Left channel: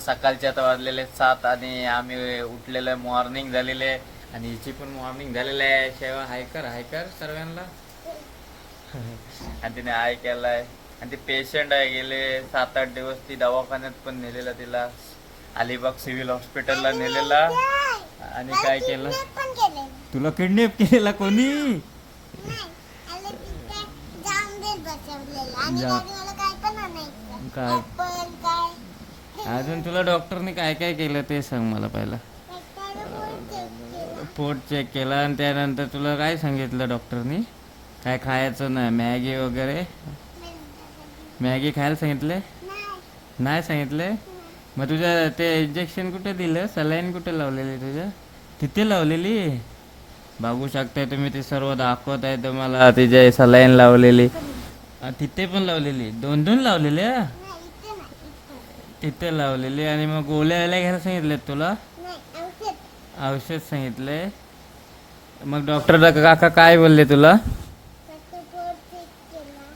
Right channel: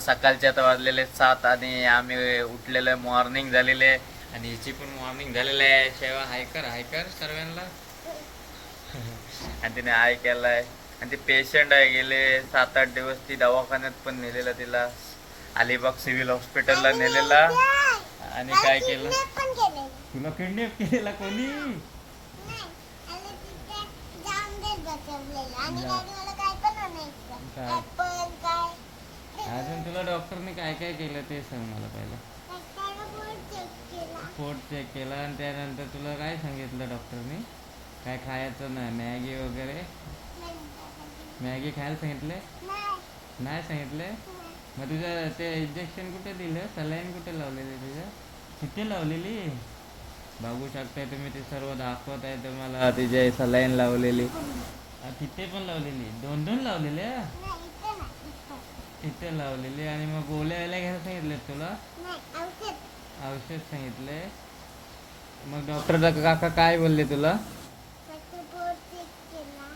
सकाळचे आता वाजलेले सात आणि आम्ही उठलेलं मॉर्निंग झालेले आणि हिची पण मॉर्निंग झालेलं आहे. शेवा हाय कर हाय कर सर्वांना. आणि तिने हाय केलाय. आणि ती पेशंट आहे. गेले सात आठ दिवस ती दवाखान्यात पण नेलेला तिला. अलिबाग सिव्हिल हॉस्पिटलला नेलेला. आणि काय केलं? तुला किडनॅप केलेला कोणी? काय पण आणायचं काय? ऍपल काय अजून तुला डॉक्टरने काय काय केलं ते सांग मला पहिला. पोट चेक केला. आणि त्यानंतर तुला काय सांगितलं डॉक्टरनी? काय खायचं नाही? मॅगी वगैरे? मॅगी खायला सांगितले? नाही सांगितले? मग तुझ्या ते इंजेक्शन कुठे दिलं? सलाईन कुठे लावलेली तुझ्या? तिथे लावलेली? बघू शकताय तुम्ही ते सर्व दाखवत आहे तुम्हाला. तिचे सलाईन लावलेली. तिथे पण लावलेली? दोन दोन लावलेल्या? इथं. लावलेली आणि मग गोळ्या यायला घ्यायला सांगितलेत तुला? औषध. सांगितले मग डॉक्टर काका काय बोलले तुला?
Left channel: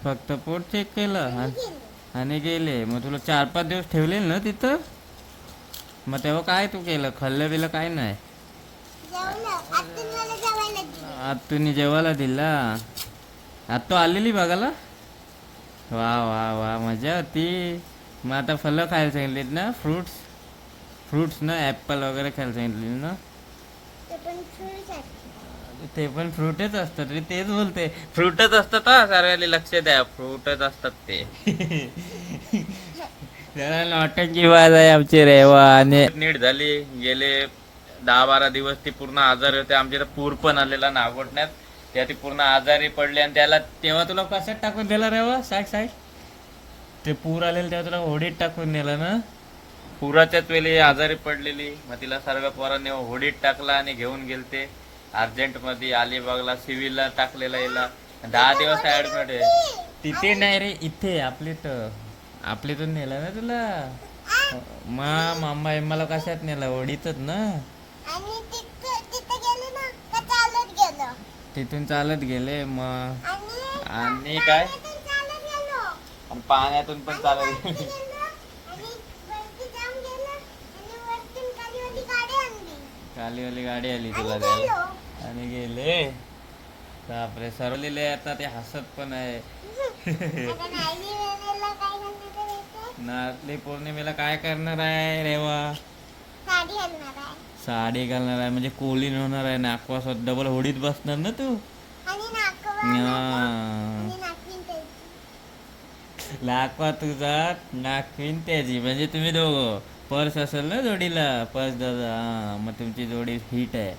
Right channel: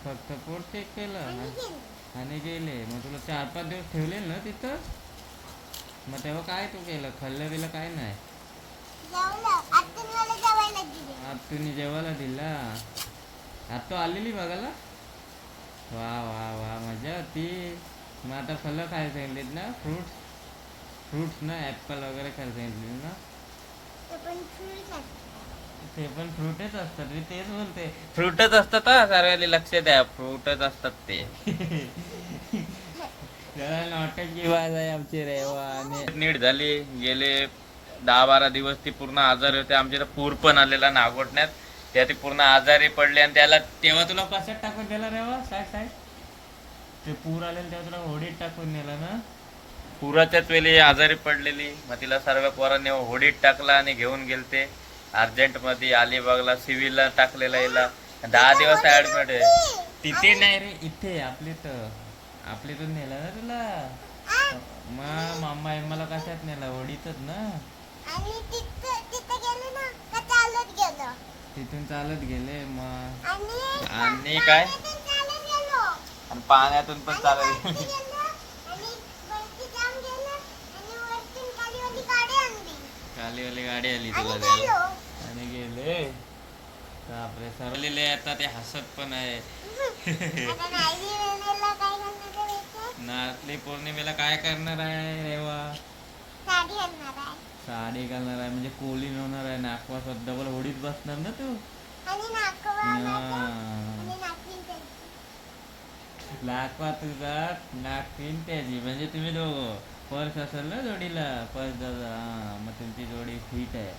फक्त पोट चेक केला. आणि हा? गेले. मग तुला चार पाच दिवस ठेवले ना तिथं? मग तेव्हा काय तू केलं? खाल्लं बिलं काय नाही? जेवलं. आतून मला जेवायला दिले. आज तुम्ही जेवायला दिला? आज तो आलेली बघायला? वा वा वा. मजा होती. मग आता फळं खायला सांगितलीत ना फ्रुट्स फ्रुट्स ना ॲपल वगैरे खायला सांगितली ना ते पण फ्रुटच असतात रे तेच बोलते फ्रुटच असतात हा सर्वांनी लक्ष द्या फ्रुटच असतात ते नॉटची बाज आहे आमची रेवा आणि नीट झाली गेले दहा बारा दिवस ती पूर्ण आजारी होते आमच्या पूर पण आलेला नागोटण्यात. त्या ती पूर्ण आजारी पडली आणि त्याला तेव्हा तुला कशात टाकून दिला रेवा साईड साईड ते पूर आलेलं तेव्हा तुला होडीत टाकून नेलं ना. पुराच्याच वेळी आजारी पडलेली मग तिला सर्व पोरांनी होडीत टाकला आणि घेऊन गेलते. अर्जंटमध्ये अलिबागला सिव्हिलला टाकलेला हिला. दहा दिवस ऍडमिट आहे. तिथे नाही रे इथे आपली तर आपली तर नेलं ना तुला. मा मामा मला कशात नेला? होडीतच ना. आणि तिथं तिथं गेलो ना का चालत गेलो? तिथून चालत गेले मग आणि काय? आणि पाण्यातून पण चालत खालीवाली गाडी आली तुला. आणि गेले. बापरे सरवलेले आता ते हसत पण आहे. नारळी नारळी पौर्णिमेला काय करणार आहे रेवा साडी घालणार आहे. म्हणजे कोलीन होणार आहे. नाकवा डबल होडीत बसणार ना तू आणि नाकवा हा. आणि नाकवीन त्याची नाकवा तुझा नाखवीन त्याची. म्हणजे तुम्ही दोघं पर्स असेल ना जोडीला? पर्स दादा मग तुमची जोडी फिट आहे.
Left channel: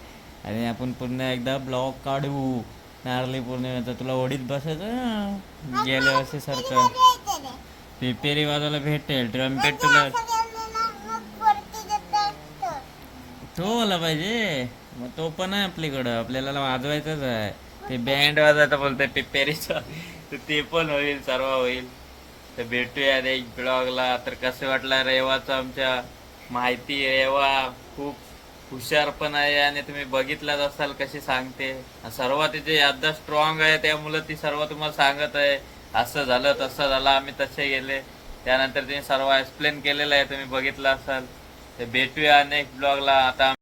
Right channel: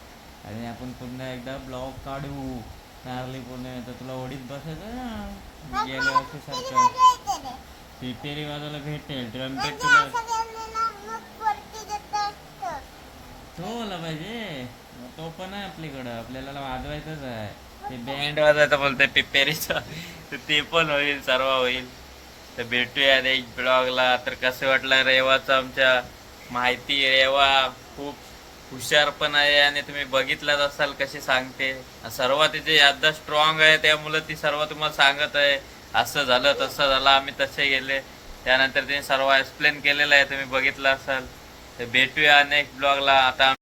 आणि आपण पुन्हा एकदा ब्लॉक काढू. नारळी पौर्णिमेचा तुला ओढीत बसायचं ना. गेल्या वर्षी सारखं. पिपेरी वाजायला भेटेल ट्रम्पेट तुला. तो आला पाहिजे. मग तो पण आहे आपल्याकडं. आपल्याला वाजवायचंच आहे. ते बँड वाजवायचं बोलतोय पिपेरीचं. तर ते पण होईल सर्व होईल. तर भेटूया नेक्स्ट ब्लॉगला. तर कसं वाटलं रेवाचं आमच्या माहिती? रेवा खूप हुशार पण आहे आणि तुम्ही बघितलाच असाल कशी सांगते. सर्व तिचे यादा स्ट्रॉंग आहे त्यामुळं ती सर्व तुम्हाला सांगत आहे. असं झालं तसं झालं आम्ही तसे गेले. त्यानंतर तिने सर्व एक्सप्लेन केलेलं आहे तुम्ही बघितलं असाल. तर भेटूया नेक्स्ट ब्लॉगला आता